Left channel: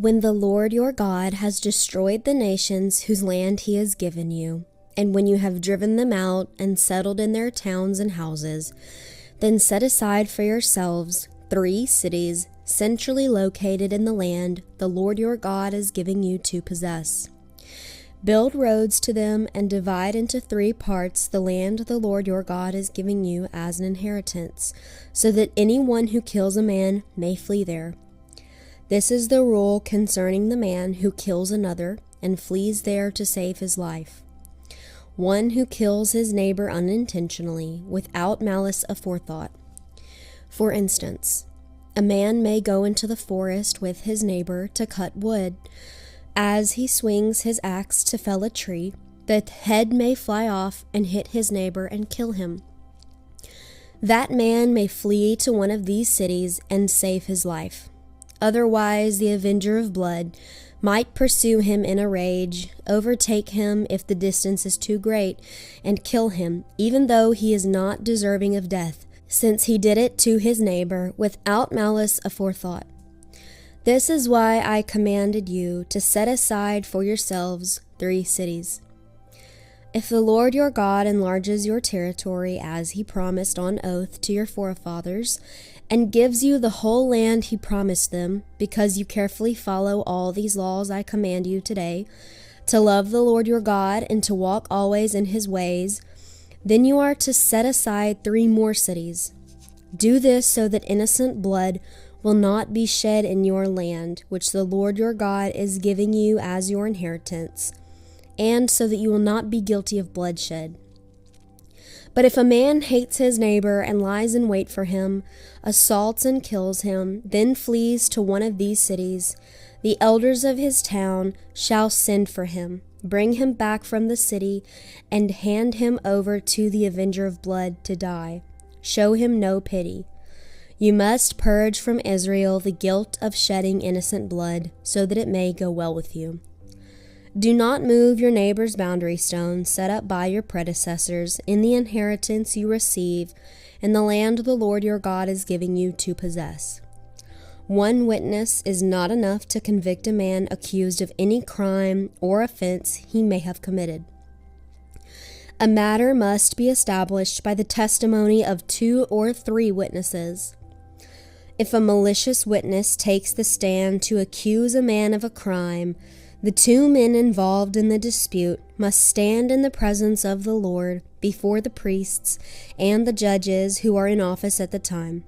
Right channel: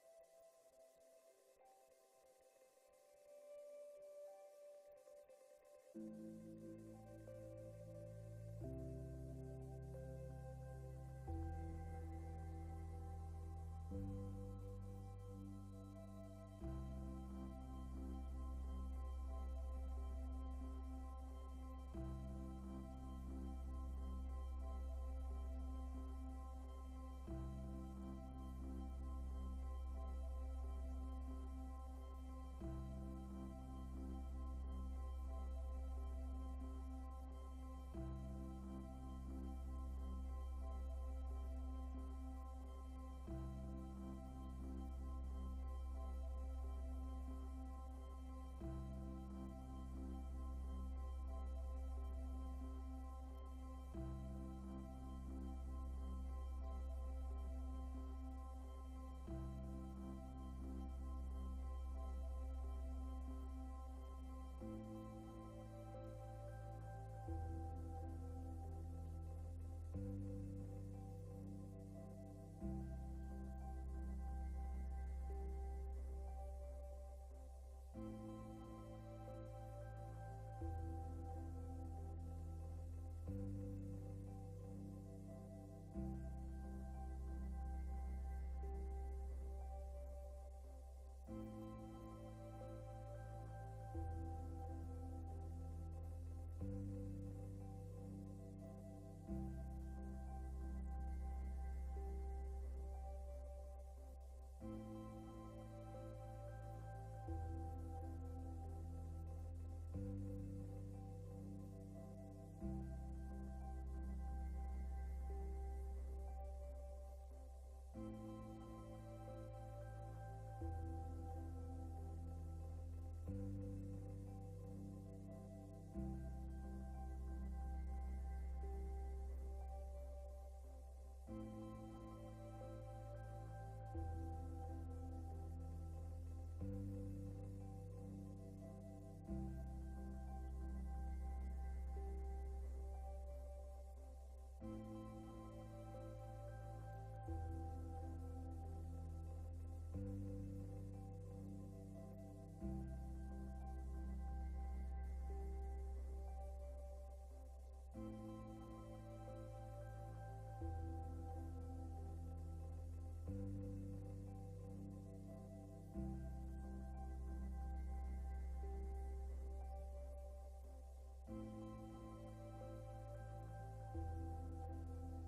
When the Lord your God has destroyed the nations whose land he has given you, and when you have driven them out and settled in their towns and houses, then set aside for yourselves 3 cities centrally located in the land the Lord your God is giving you to possess. Build roads to them and divide into 3 parts the land the Lord your God is giving you as an inheritance, so that anyone who kills a man may flee there. This is the rule concerning the man who kills another and flees there to save his life. One who kills his neighbor unintentionally, without malice aforethought. For instance, a man may go into the forest with his neighbor to cut wood. As he swings his axe to fell a tree, the head may fly off and hit his neighbor and kill him. That man may flee to one of these cities and save his life. Otherwise, the avenger of blood might pursue him in a rage, overtake him if the distance is too great, and kill him, even though he is not deserving of death, since he did it to his neighbor without malice aforethought. This is why I commanded you to set aside for yourselves 3 cities. If the Lord your God enlarges your territory as he promised on oath to your forefathers, and gives you the whole land he promised them, because you carefully follow all these laws I command you today, to love the Lord your God and to walk always in his ways, then you are to set aside 3 more cities. Do this so that innocent blood will not be shed in your land, which the Lord your God is giving you as your inheritance, and so that you will not be guilty of bloodshed. But if a man hates his neighbor and lies in wait for him, assaults and kills him, then flees to one of these cities, the elders of his town shall send for him, bring him back from the city, and hand him over to the avenger of blood to die. Show him no pity. You must purge from Israel the guilt of shedding innocent blood, so that it may go well with you. Do not move your neighbor's boundary stone set up by your predecessors in the inheritance you receive in the land the Lord your God is giving you to possess. One witness is not enough to convict a man accused of any crime or offense he may have committed. A matter must be established by the testimony of 2 or 3 witnesses. If a malicious witness takes the stand to accuse a man of a crime, the 2 men involved in the dispute must stand in the presence of the Lord before the priests and the judges who are in office at the time.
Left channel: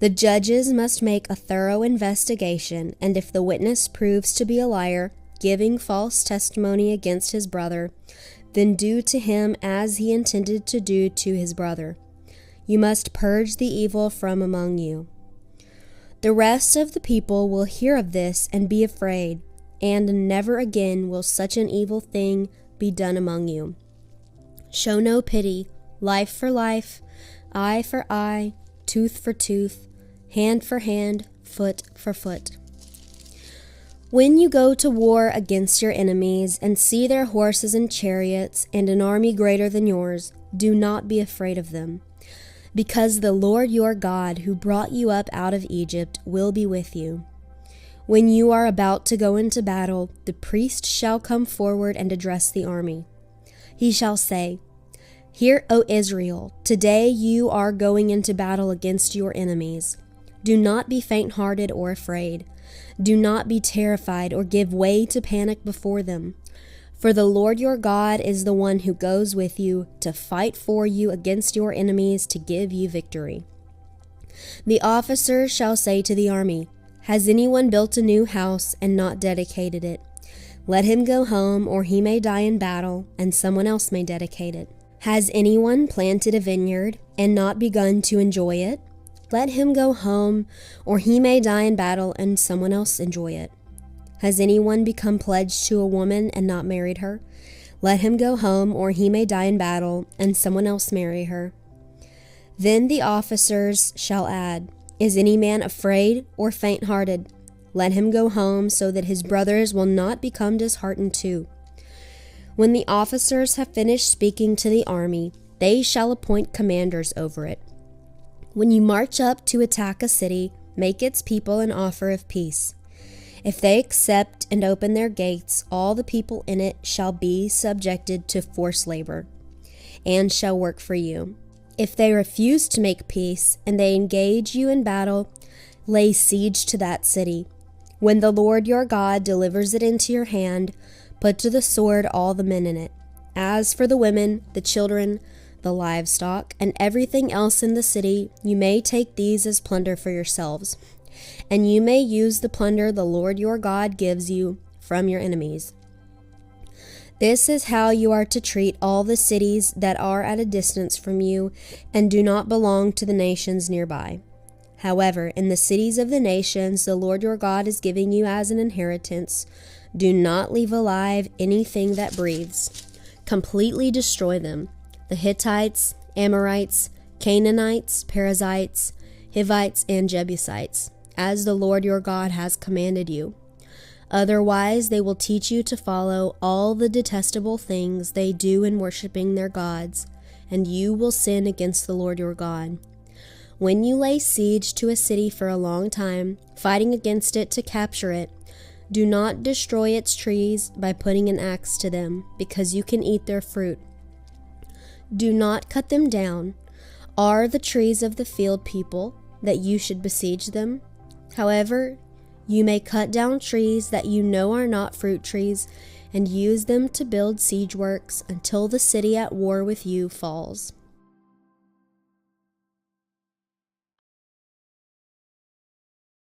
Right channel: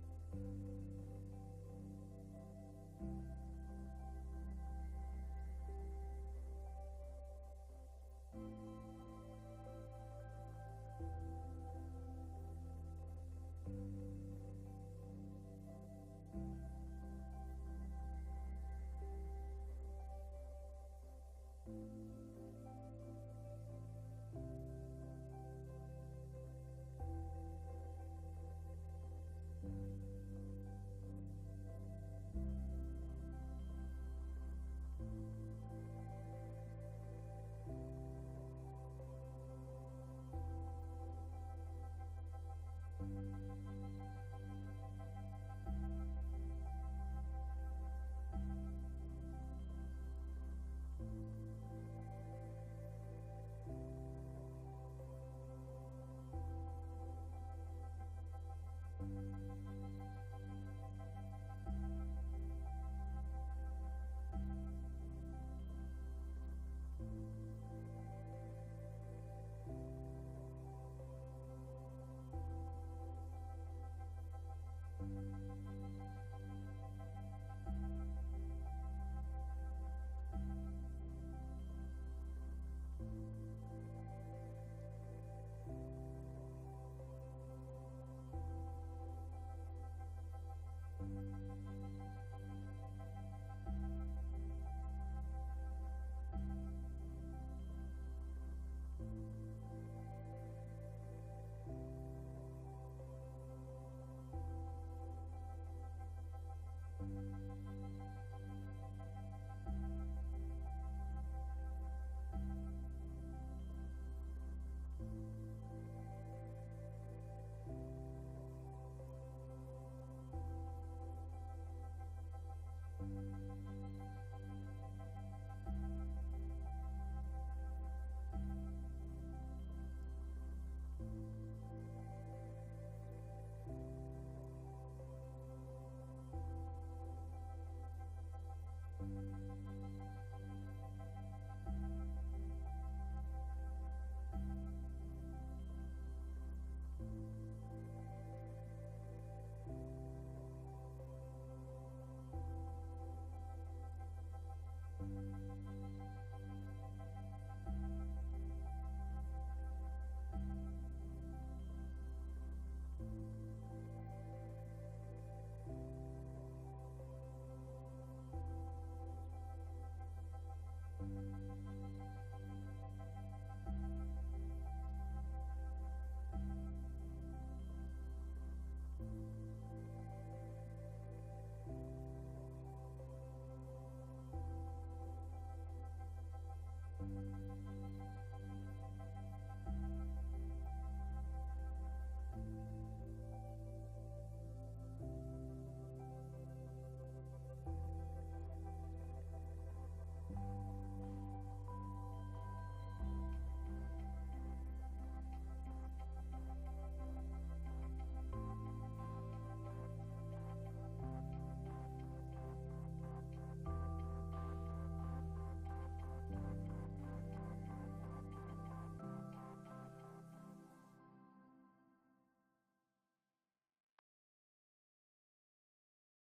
The judges must make a thorough investigation, and if the witness proves to be a liar, giving false testimony against his brother, then do to him as he intended to do to his brother. You must purge the evil from among you. The rest of the people will hear of this and be afraid, and never again will such an evil thing be done among you. Show no pity, life for life, eye for eye, tooth for tooth, hand for hand, foot for foot. When you go to war against your enemies and see their horses and chariots and an army greater than yours, do not be afraid of them, because the Lord your God, who brought you up out of Egypt, will be with you. When you are about to go into battle, the priest shall come forward and address the army. He shall say, Hear, O Israel, today you are going into battle against your enemies. Do not be faint-hearted or afraid. Do not be terrified or give way to panic before them. For the Lord your God is the one who goes with you to fight for you against your enemies to give you victory. The officer shall say to the army, Has anyone built a new house and not dedicated it? Let him go home, or he may die in battle, and someone else may dedicate it. Has anyone planted a vineyard and not begun to enjoy it? Let him go home, or he may die in battle, and someone else enjoy it. Has anyone become pledged to a woman and not married her? Let him go home, or he may die in battle, and someone else marry her. Then the officers shall add, Is any man afraid or faint-hearted? Let him go home, so that his brothers will not become disheartened too. When the officers have finished speaking to the army, they shall appoint commanders over it. When you march up to attack a city, make its people an offer of peace. If they accept and open their gates, all the people in it shall be subjected to forced labor, and shall work for you. If they refuse to make peace, and they engage you in battle, lay siege to that city. When the Lord your God delivers it into your hand, put to the sword all the men in it. As for the women, the children, the livestock, and everything else in the city, you may take these as plunder for yourselves, and you may use the plunder the Lord your God gives you from your enemies. This is how you are to treat all the cities that are at a distance from you and do not belong to the nations nearby. However, in the cities of the nations the Lord your God is giving you as an inheritance, do not leave alive anything that breathes. Completely destroy them: the Hittites, Amorites, Canaanites, Perizzites, Hivites, and Jebusites, as the Lord your God has commanded you. Otherwise, they will teach you to follow all the detestable things they do in worshiping their gods, and you will sin against the Lord your God. When you lay siege to a city for a long time, fighting against it to capture it, do not destroy its trees by putting an axe to them, because you can eat their fruit. Do not cut them down. Are the trees of the field people, that you should besiege them? However, you may cut down trees that you know are not fruit trees, and use them to build siege works until the city at war with you falls.